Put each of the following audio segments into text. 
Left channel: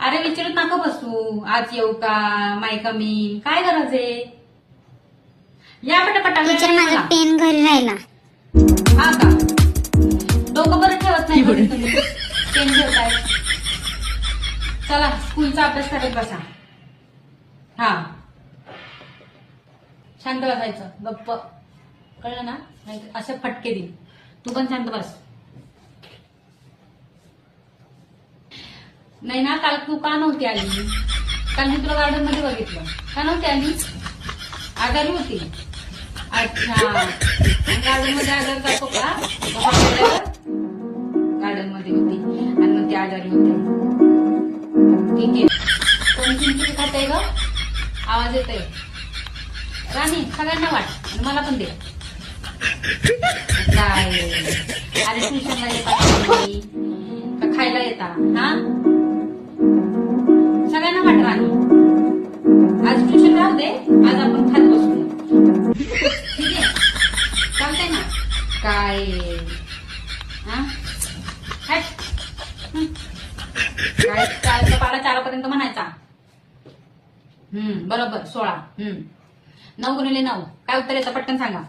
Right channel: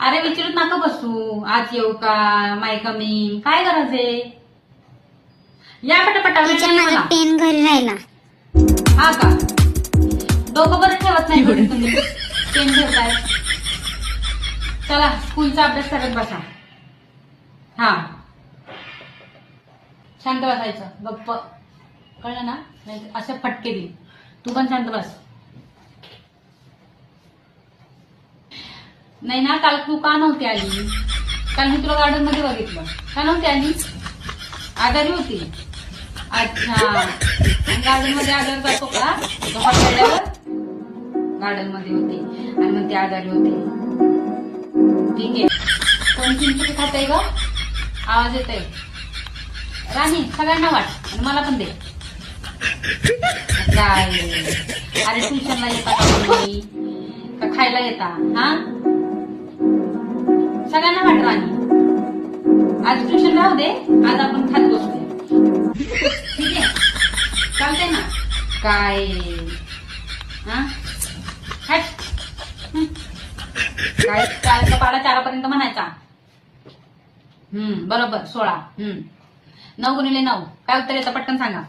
अरे विचारत नका बसू, आज येऊ का, माय कमी, काय गरज आहे? या पटापटा. टीचर माझा पेन घरी राहिला. हा का? डोकं बरं ठेवत नाही घरी तुम्ही. पेन घेताय. चला स्कूलचा अभ्यास करत बसा. हा शांत बसायचं, गप्प. कळलं ना? नाही असे फटके दे. तू पण शांत बस. नाही ना, काल तू का नव्हती आली? काल मी तुला गार्डन मध्ये बघितलं. का नव्हती आली? आजारी होती. अच्छा, गार्डन मध्ये आजारी जातो का? गार्डन मध्ये होती आणि मग ती आजारी होते. ठीक आहे. कोण चिंचणी खाते ग? आवाज येतोय. राणी सगळ्यांना वाट आणि मला पण दे. काय अरे ट्युशनला येता का खायला येता? हा सगळ्यांना वाट राणी. आज ट्युशन राहू दे, आज आपण खात बसूया. ठीक आहे, चालतंय ना? काय हा काय चारचा पाडा 4पर्यंत म्हणायचा. बरोबर 16. 9 गुणिले 9 काय उत्तर येतं? पटकन सांगा.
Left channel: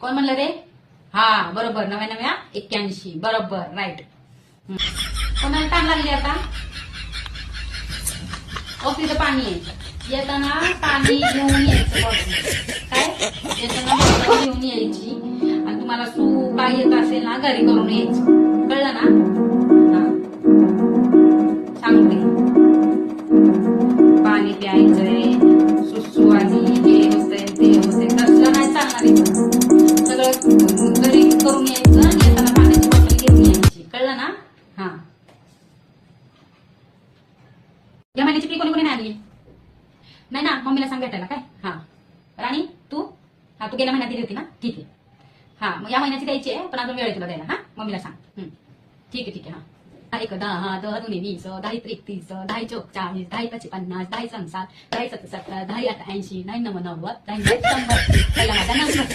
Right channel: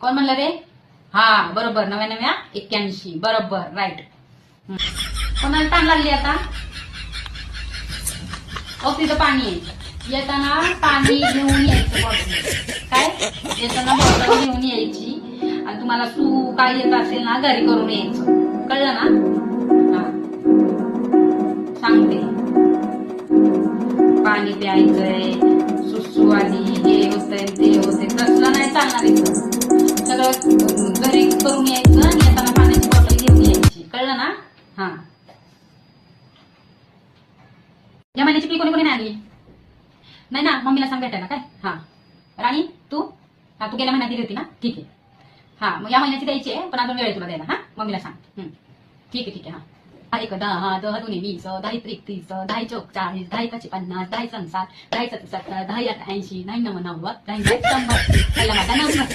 कोण म्हणलं रे? हा बरोबर, 99 81. बरोबर, राईट. कोणाला ताण लागली आता? तिथं पाणी आहे. येताना पाणी घेऊन यायचं बॉटल. काय येताना बॉटल घेऊन यायची आणि तुम्हाला सू काय येत असेल ना घरी करून यायचं. कळलं ना? हा सांगते. पाणी प्यायचंय, सुसू आली, हे होतंय ते होतंय, तसलं नाही चालणार इथं. सगळं घरी करून यायचं आणि येताना पाण्याची बॉटल घेऊन यायची. कळलं ना? हा या महिन्याची फी कोणी कोणी नाही आणली? नाही ना, मम्मीला सांग भेटायला. काय हा राणी तू तू गेल्या महिन्यात दिली होती ना? ठीक आहे. हा मग या महिन्याची द्यायची आहे, पण अजून वेळ आहे तुला द्यायला. हा मम्मीला सांग. ठीक आहे. हा 1 10 10 2 20 10 3 30 10 4 40 10 5 50 10 6 60 10 7 70 10 8 80 9 9 90 10 100. पहिला माझा 90.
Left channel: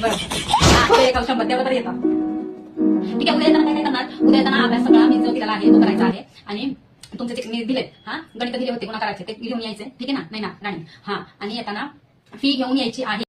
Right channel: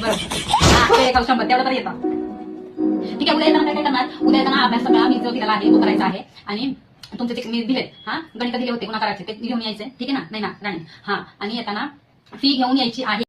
बरं हा 100 तेवढं तर येतं. ठीक आहे. उद्या येताना काय करणार? उद्या येताना अभ्यास सगळा मी जो दिलेला आहे तो करायचा आहे आणि तुमचे जे मी दिले गणित दिले होते कोणा करायचे ते घेऊन यायचे. ठीक आहे ना? नाही ना राणी? हा आणि येताना फी घेऊन यायची आहे.